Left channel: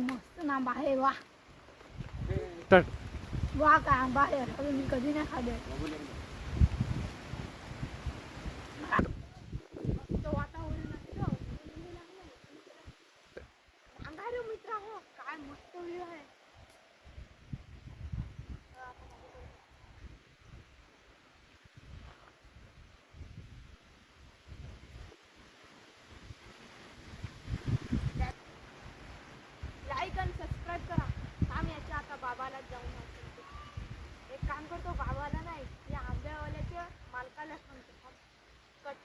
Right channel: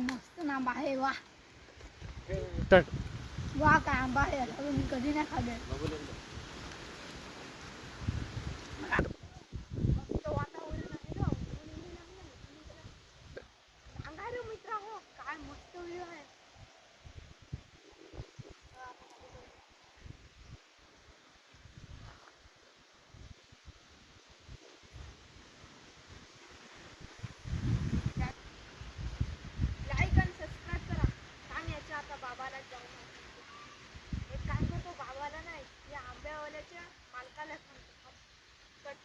मस्त ना आंबा आहे वा स्टार्ट. वा काय आंबा आहे अजून मी कधी नाही खाल्ले. मस्त वातावरण आहे गं. ऊन लागलंय. सांगा रे मित्र हो काय मस्त व्ह्यू आहे. लाईक आणि सबस्क्राईब करा. थांब याच्या आता बाबाला जाऊन आणतो. एक काम करतो बाबाला नाही या आंब्यावाल्याच्या मालकाला सांगतो. कट.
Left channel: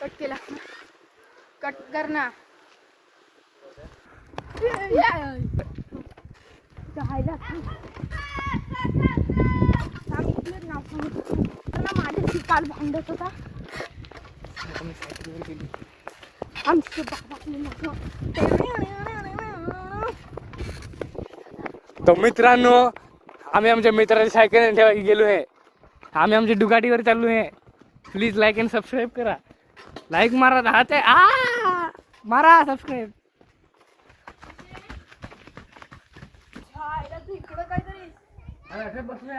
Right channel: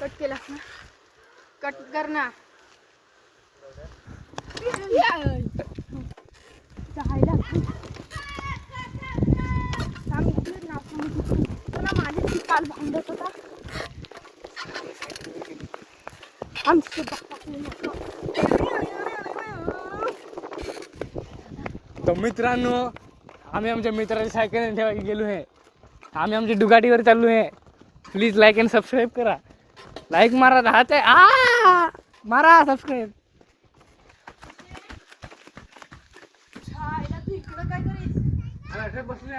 कट केला ना कट कर ना माझ्याशी काल भांडत होता तो मित्रांनो आम्ही आमच्या मित्राची सायकल ठेवायला गेलो आहे. आम्ही आमच्या डुगाटीवर चाललो आहे. प्लीज लाईक अँड सबस्क्राईब करा. लाईक मारा राहते मारा सबस्क्राईब. तू इकडं काय करीस बसलोय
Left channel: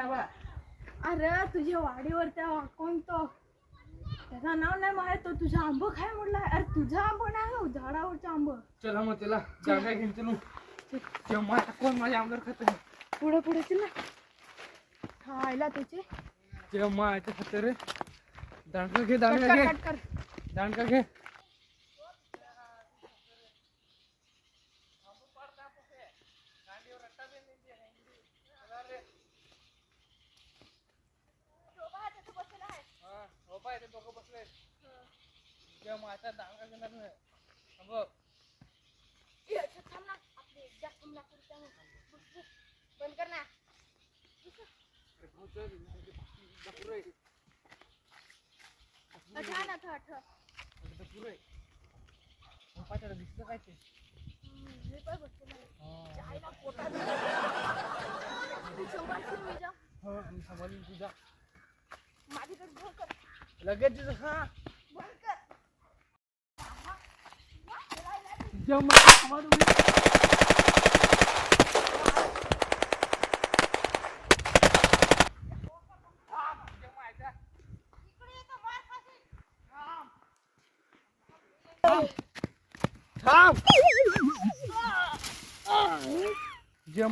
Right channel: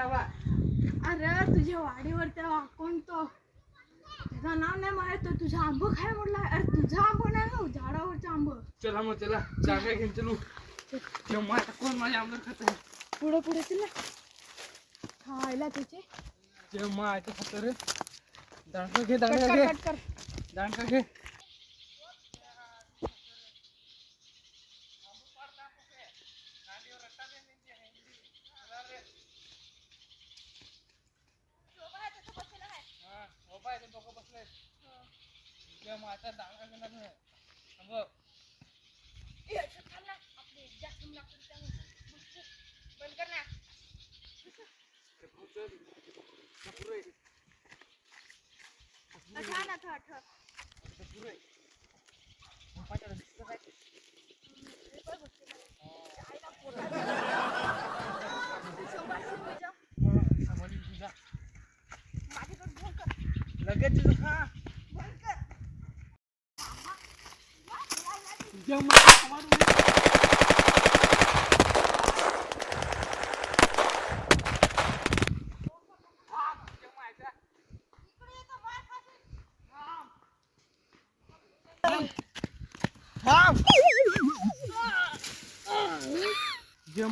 अरे तुझ्या वाडीवर त्या कोणतो त्याचं नाव नाही माहित. तो तुझा आंब खाय म्हटलं. अरे तुझा आंब नाही हो झाडावरचा आंब. चला मग चला जागा घेऊन चलू. कोण माझ्या आमदार खात पुढे पुढे चला खायला तुझे तिला मायचं खात रे. दांडका घे दांडका घे कट कर दांडका घे. बंद कर ना लगेच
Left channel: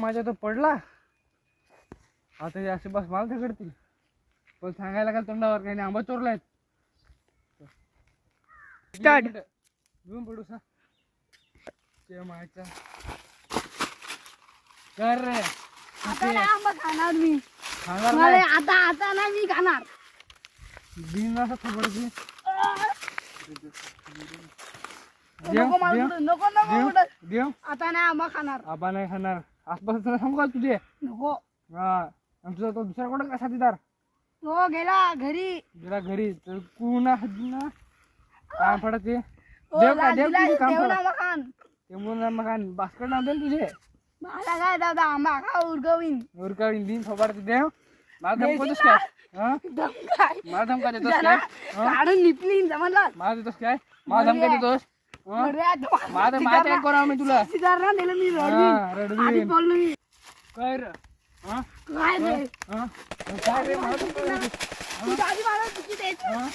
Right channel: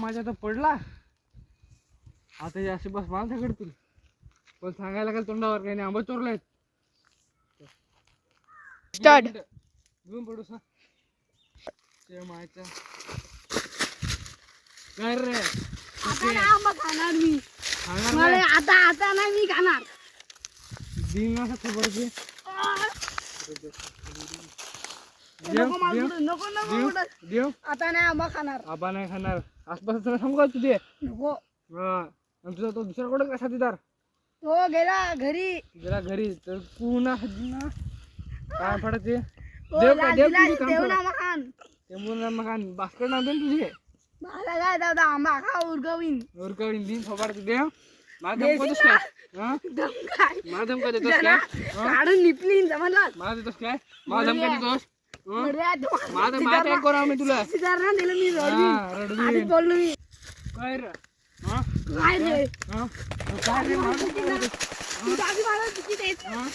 माझ्या तर पडला आता हे असे बस मला झगडतील. पण सांगायला काय तोंडावर काही नाही. आंबा चोरलाय. स्टार्ट घेऊन पडू सा मायचा कर रे. आता नाही आंबा खाणार मी. सांगा मला आता नाही मी खाणार. दिन असा खबर घे. नको मला पुढं, नको नको पुढं. देव आता नाही आंबा खाणार. आबा नाही खाणार. आसपास तुला सांगू का तुझे नको. हा आणि तुझा तो दुसरा कोण का साथीदार तो गेला घरी. जरा घरी तर पुन्हा काम पडत ते तो देव का देव तुझे काम देव पडत ना मकान. ते म्हणून मग बास्केट नाव दे तुझे मला काय दादा आंबा खा उरगवीन. उरकाळी दिन फोबाड देव मला धमकतोस काय हा दम काय मला धमका देतोस जना काय काढून निपलीन जमला. मला देतोस काय मला धमका देतोस माझा माहिती आहे कोण मी तुला सिद्धार्थ दिलं मी रडवी आधीच बोललो मी. काय रे हा काय रे हा काय रे तू आधी मला तिकीट द्यायचं.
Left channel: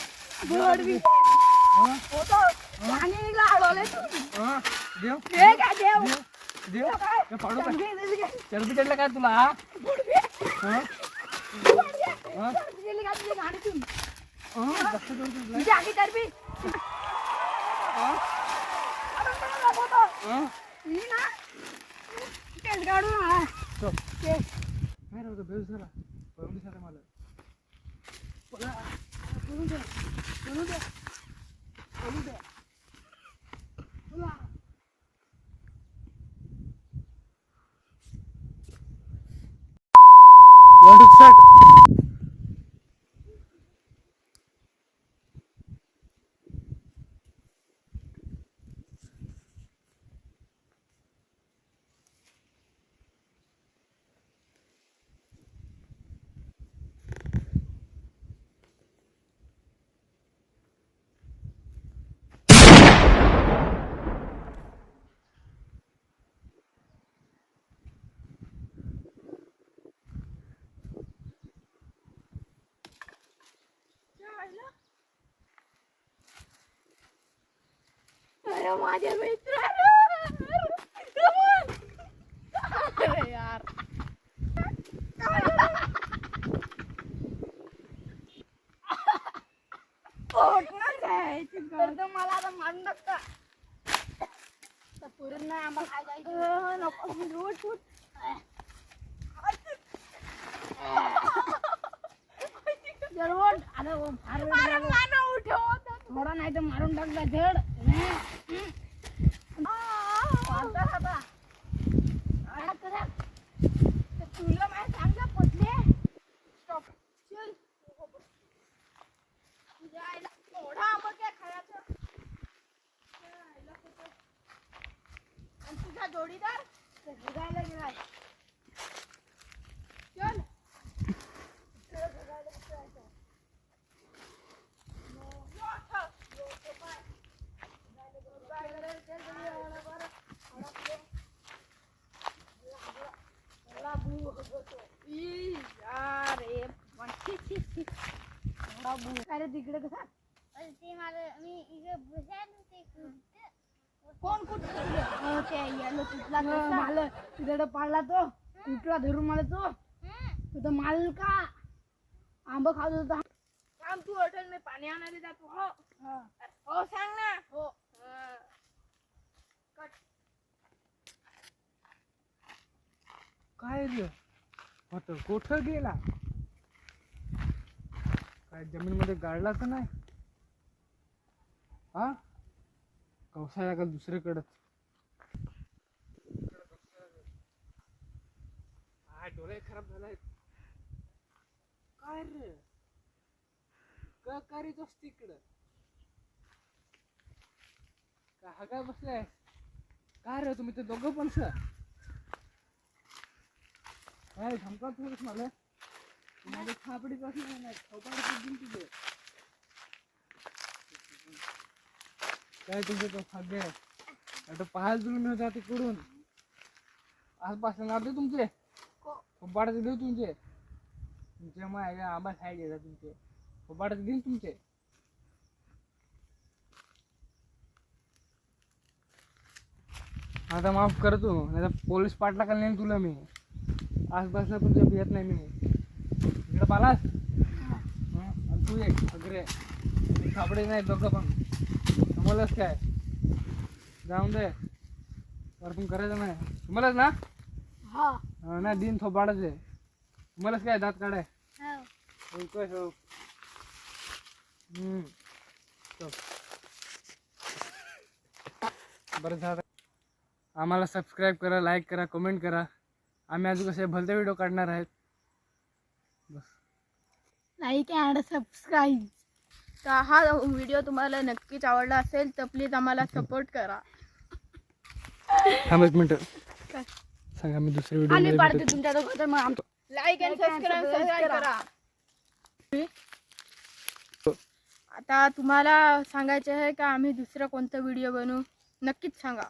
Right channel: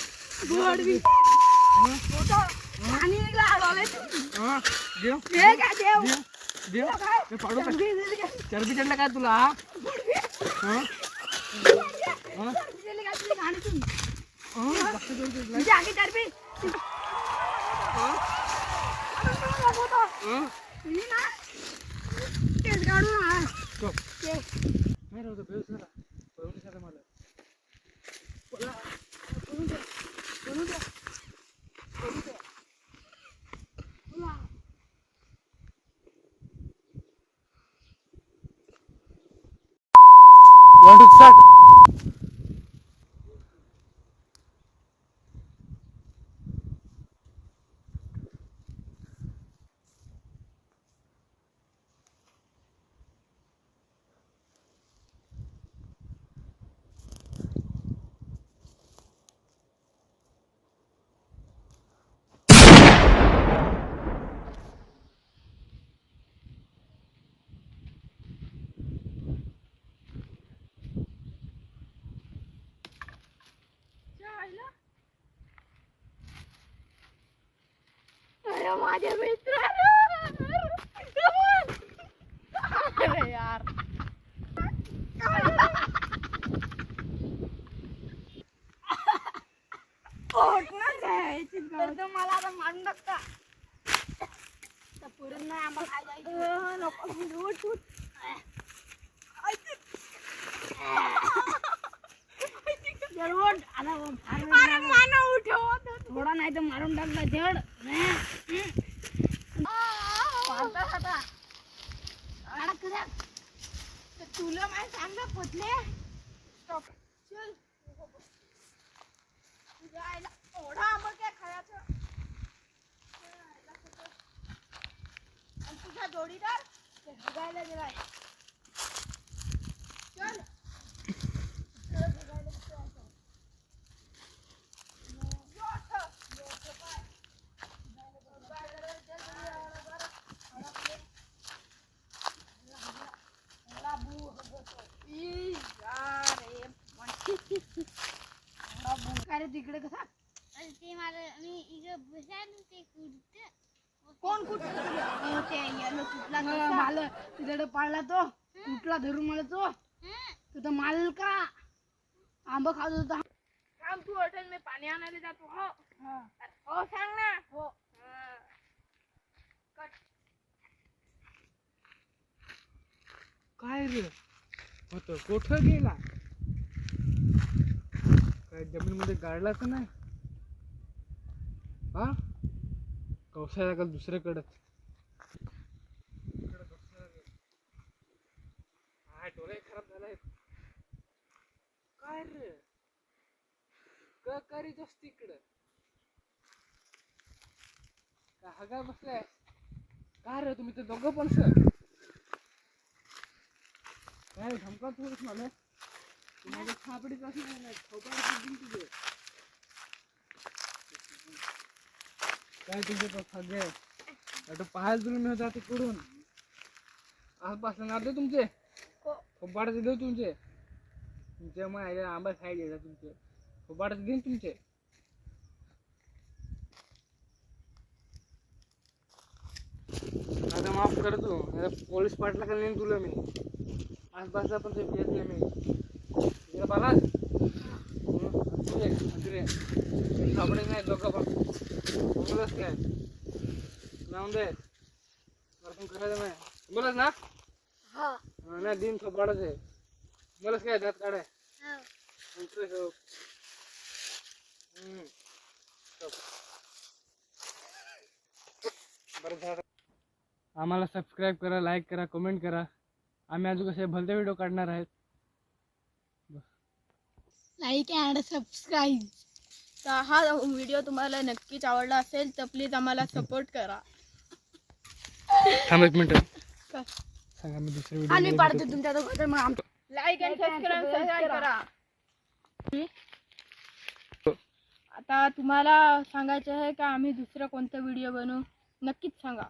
गोडवी होतो आणि निघला अडवले तू. हा देव हे काय देव देव काय ते फाडू का दिली चरबी चढला काय तुला हा हा का तुझी गाडीतून हा तुझी आधी करबी मी ना केस काढून हा तो केस काय रे बेस झाला पळून झाला मला पळा पळून जा पळून जा पळून जा तुला Want to start? अरे माझे मित्र अरे यार मला आता मारून टाकता पुरण नाही आंबा खायला नको उठ उठ थोडा नाही तर मारून टाकता झड तुला माहिती सांगा पटले चल तुझ्या आईला थोडा आंबा काय खायचं आणि तुझा जोडीदार बघायला गेलाय चल तिकडे कसा ते मला मी इकडे बसायला ते कुठं कोण कुठला ते येलो कुठला माल तुझ्याकडे पाळला तो कुठला धरून मला तो तुझा माल का आंबा खात होता थांब तू हॉटेल मी पाणी आणायला जातो हो हो सांग ना हो काय रे होत कुठं गेला काय जमीन मध्ये गाडला तर नाही हा कौशल्या का दुसरीकडे डोळे खराब झालाय काय रे काय करीत असते इकडं का हगा बसलाय काय रे तुम्ही ते दोघं पण सर काय धमका थोडीच मला माझी थापडीच असणार नाही थोपाडीच दिन तुझे काय तुझे तो सगळे तो पाहायला तुम्ही मी जाते कडून आसपास ना दे तुमचे थोपाडाचे देऊ तुमचे तुमच्या मग आंबा साईड येतात तुमचे थोपाडाचे देईन तुमचे आता माफ कर तू नाही तर पोलीस पाटला का नाही तुला मी आसपासला पण तुला येत नाही मी इकडे पालास आपले नाही दोघं पण तुम्हालाच काय जाऊन दे पण करायचं नाही तुम्हालाच ना हा नाही दिन थोपाडच आहे तुम्हालाच काय दात काढाय हो बरं झालं आम्हाला सबस्क्राईब करा लाईक करा कमेंट करा आम्ही अजून कसे भलते व्हिडिओ काढणार आहेत बस लाईक अँड सबस्क्राईब तर हा व्हिडिओ तुम्हाला नक्कीच आवडला असेल तर प्लीज आम्हाला सपोर्ट करा थांब एक मिनिट काय? सांगा मी दुसरे आणि व्हिडिओ पाडते तुमच्या लाईक अँड सबस्क्राईब करा आता तुम्हाला सांगायचं आहे का आम्ही दुसरा कोणता व्हिडिओ बनवू नक्कीच सांगा.